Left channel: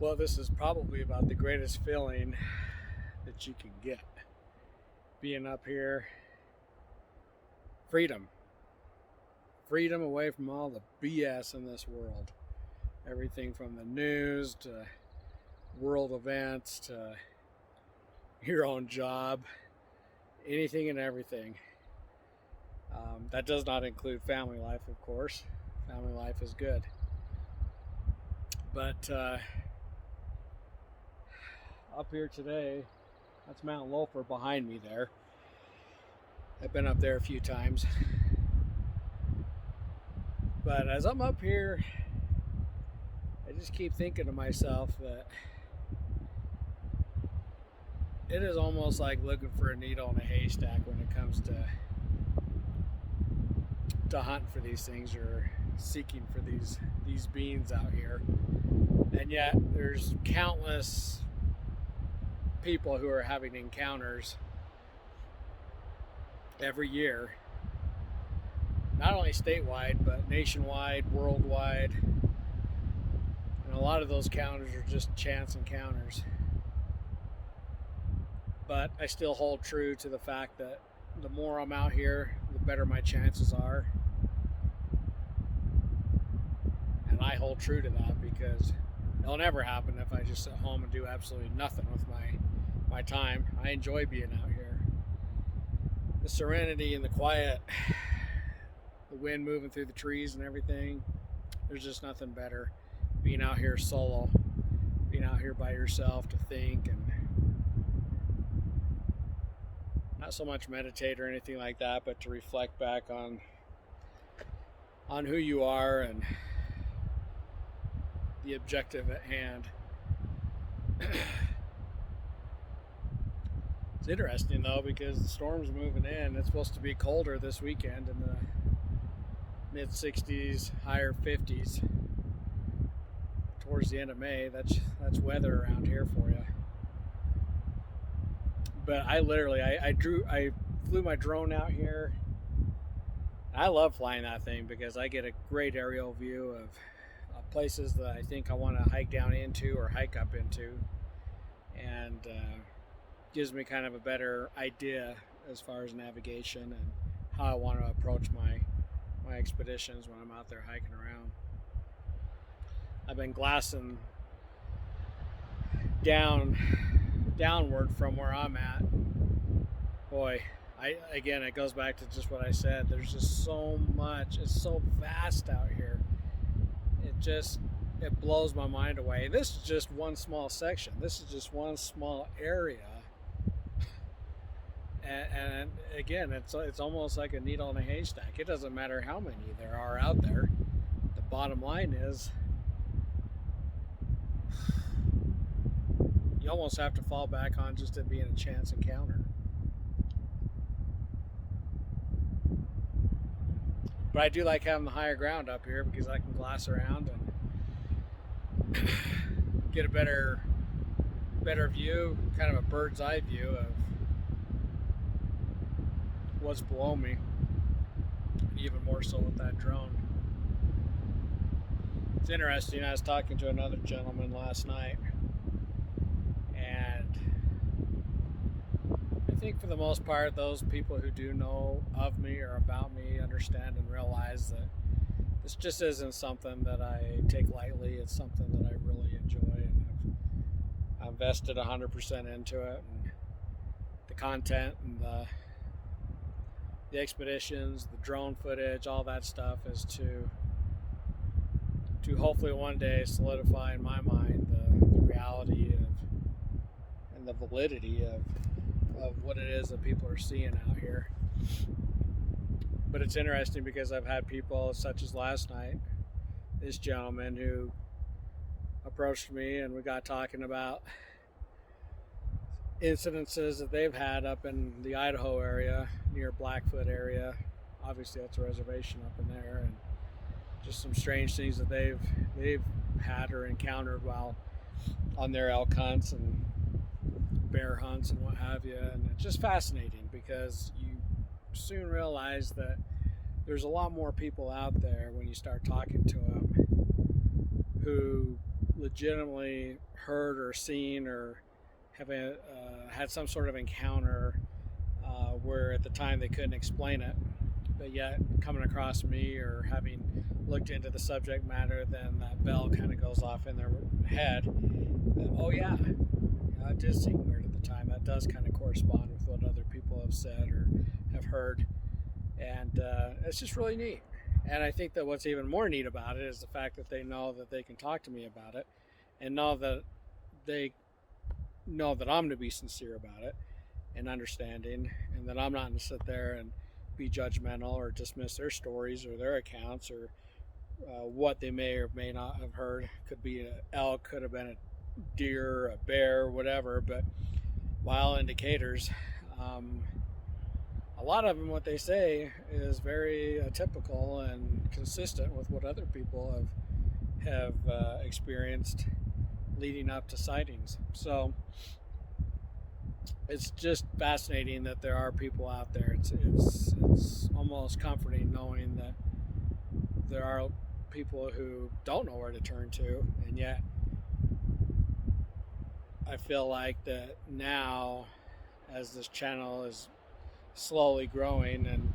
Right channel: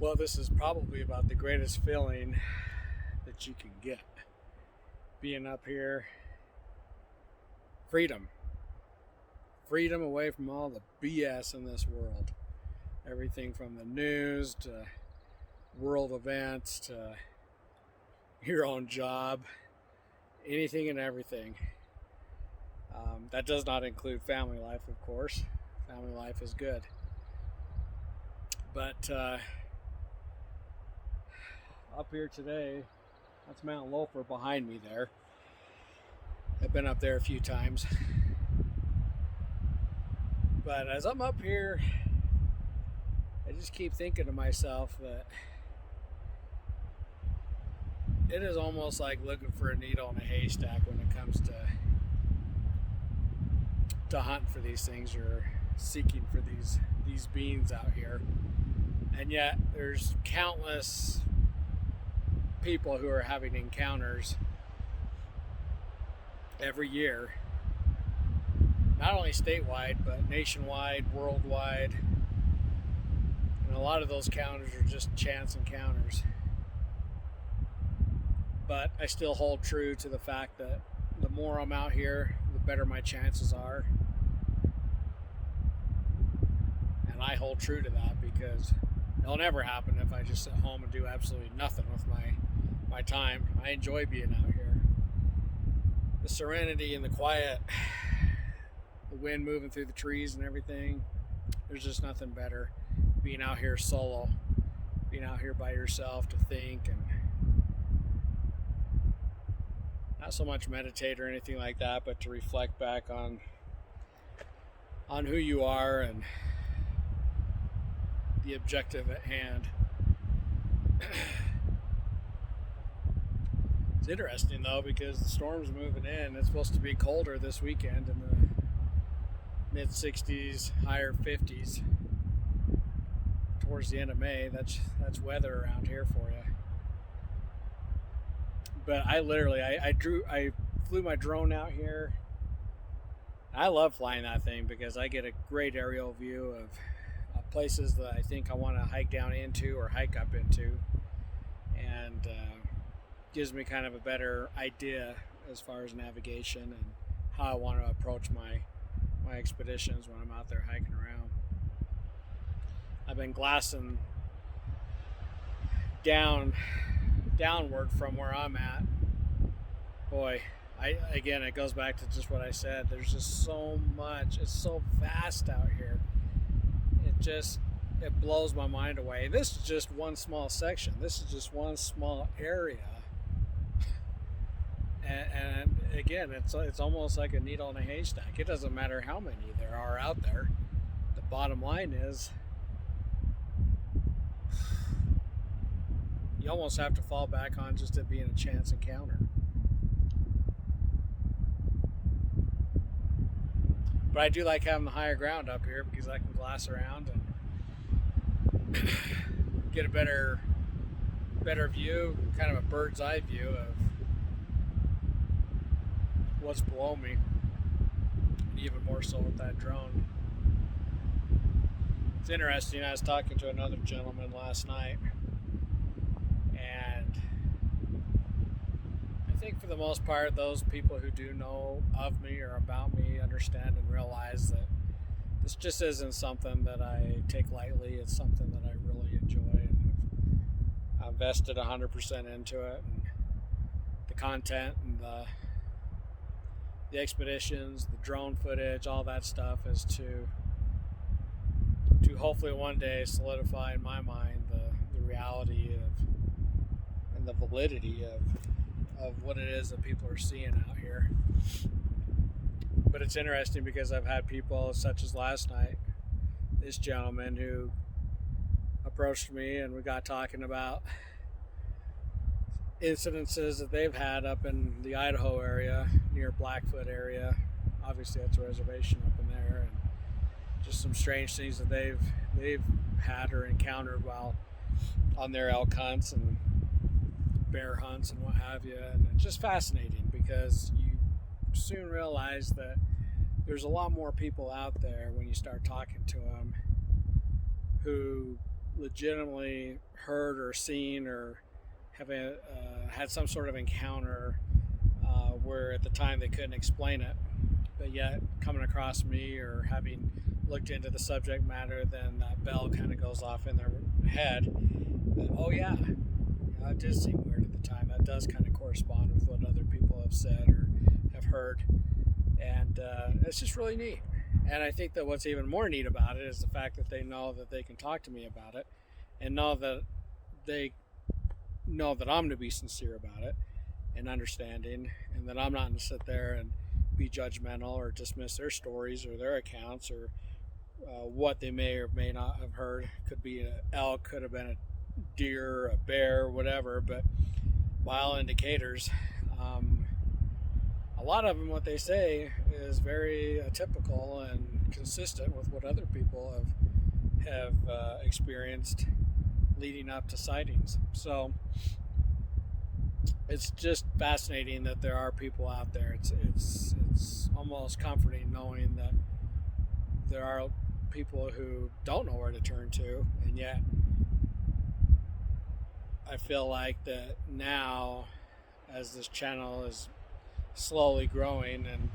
Well, this is probably about the greatest feeling that you can get. Being up here, freedom. Freedom away from all the BS in this world. Everything from the news to world events to your own job, anything and everything. That does not include family life, of course. Family life is good. But up here today, that's Mount Loafer behind me there. I've been up there a few times. But as I'm up here, I just keep thinking to myself that it is almost like looking for a needle in a haystack when it comes to hunting for these things or seeking for these beings out here. And yet there's countless people who are having encounters every year, not only statewide but nationwide, worldwide, and a lot of those encounters are just chance encounters. But I still hold true to the fact that the more I'm out here, the better my chances are. And I hold true to that because it'll never happen if I just sit home and do absolutely nothing with my time. I enjoy being out here. The serenity and the quiet, the wind moving through the trees and everything. There's just nothing better. Being out here solo, being out here by yourself to think and not so much meditate or anything like that, but to reflect back on who you are and the objective at hand. It's interesting though because the storm's moving in. It's supposed to be colder this weekend in the mid 60s, higher 50s. Towards the end of May, that's weather around here for you. But I literally, I flew my drone out here. I love flying that thing because I get a great aerial view of places that I think I want to hike down into or hike up into, and gives me kind of a better idea as far as navigation and how I want to approach my expeditions when I'm out there hiking around. I've been glassing downward from where I'm at. Boy, again, it goes back to just what I said. There's just so much. It's so vast out here. It just, it blows my mind away. This is just one small section. This is just one small area. And again, it's almost like a needle in a haystack. It doesn't matter how many there are out there. The bottom line is, you almost have to fall back on just it being a chance encounter. But I do like having the higher ground up here because I can glass around and get a better view, kind of a bird's eye view of what's below me, and even more so with that drone. It's interesting, I was talking to another gentleman last night, and I think for the most part those people who do know of me or about me understand and realize that this just isn't something that I take lightly. It's something that I really enjoy, and I've invested 100% into it, and the content and the expeditions, the drone footage, all that stuff is to hopefully one day solidify in my mind the reality of and the validity of what it is that people are seeing out here. But it's interesting because I've had people such as last night, this gentleman who approached me and we got talking about incidences that they've had up in the Idaho area, near Blackfoot area. Obviously that's a reservation up in there, and just some strange things that they've had or encountered while on their elk hunts and bear hunts and what have you. And it's just fascinating because you soon realize that there's a lot more people out there when you start talking to them who legitimately heard or seen or have had some sort of encounter where at the time they couldn't explain it, but yet coming across me or having looked into the subject matter, then that bell kind of goes off in their head that, oh yeah, it did seem weird at the time. That does kind of correspond with what other people have said or have heard, and it's just really neat. And I think that what's even more neat about it is the fact that they know that they can talk to me about it, and know that they know that I'm going to be sincere about it and understanding, and that I'm not going to sit there and be judgmental or dismiss their stories or their accounts or what they may or may not have heard. Could be an elk, could have been a deer, a bear, whatever, but by all indicators, a lot of them, what they say is very typical and consistent with what other people have experienced leading up to sightings. So it's just fascinating that there are people out there. It's almost comforting knowing that there are people who don't know where to turn to, and yet I feel like that now, as this channel is slowly growing, and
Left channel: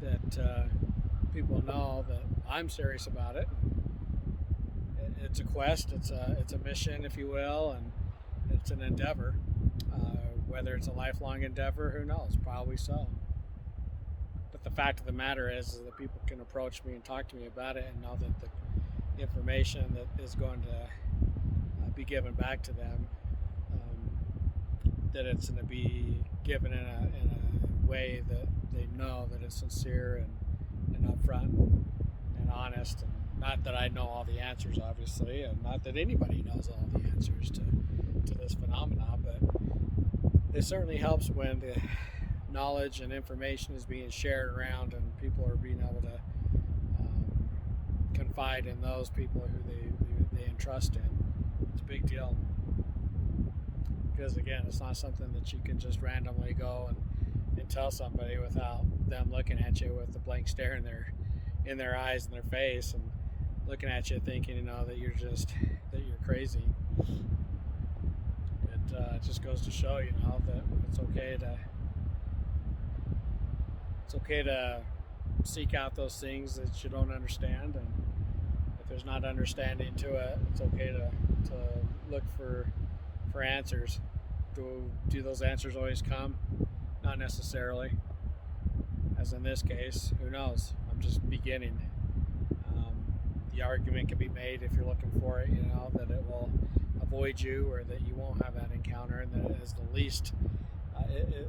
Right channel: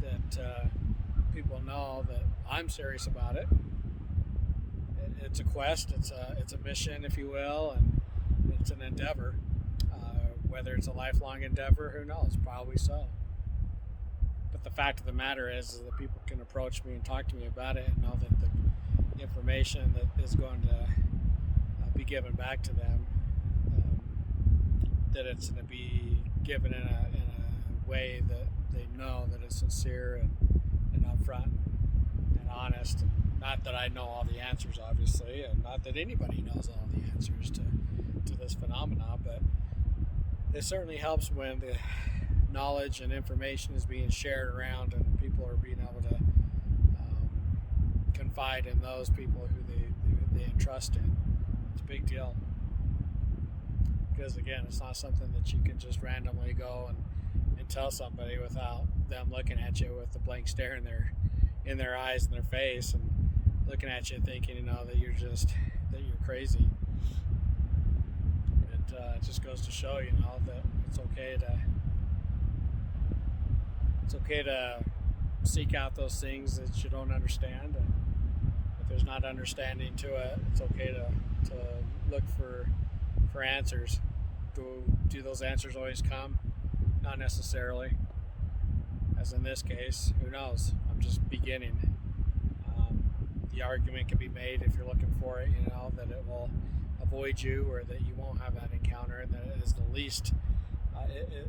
that people know that I'm serious about it. It's a quest, it's a mission, if you will, and it's an endeavor. Whether it's a lifelong endeavor, who knows? Probably so. But the fact of the matter is that people can approach me and talk to me about it and know that the information that is going to be given back to them, that it's going to be given in a way that they know that it's sincere and upfront and honest. And not that I know all the answers, obviously, and not that anybody knows all the answers to this phenomena, but it certainly helps when the knowledge and information is being shared around and people are being able to confide in those people who they entrust in. It's a big deal, because again, it's not something that you can just randomly go and tell somebody without them looking at you with a blank stare in their eyes and their face and looking at you thinking, that you're crazy. It just goes to show, that it's okay to seek out those things that you don't understand, and if there's not understanding to it, it's okay to look for answers. Do those answers always come? Not necessarily. As in this case, who knows? I'm just beginning. the argument can be made if you're looking for it, that it will avoid you or that you won't have that encounter, and that it is the least,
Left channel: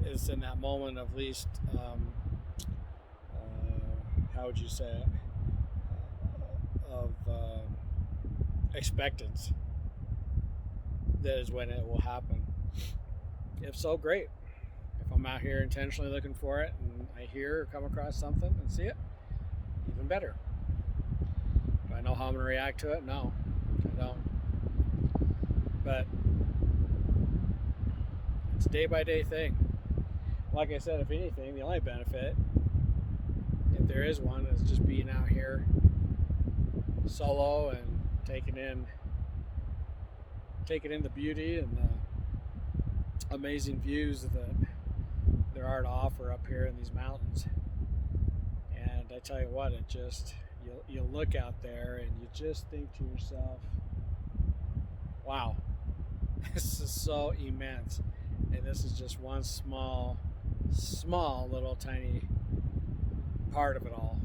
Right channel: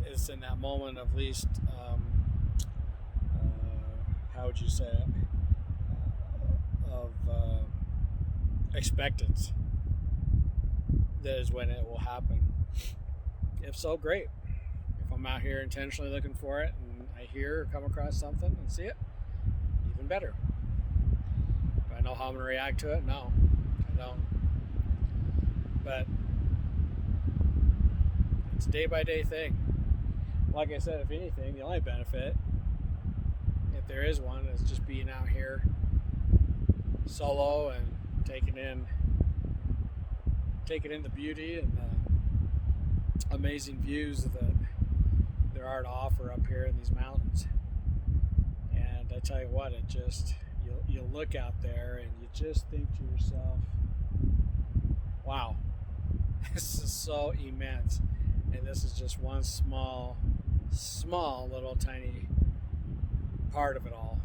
it's in that moment of least, how would you say it, of expectance, that is when it will happen. If so, great. If I'm out here intentionally looking for it and I hear or come across something and see it, even better. Do I know how I'm going to react to it? No, I don't. But it's a day-by-day thing. Like I said, if anything, the only benefit, if there is one, is just being out here solo and taking in the beauty and the amazing views that there are to offer up here in these mountains. And I tell you what, it just, you look out there and you just think to yourself, wow, this is so immense, and this is just one small little tiny part of it all.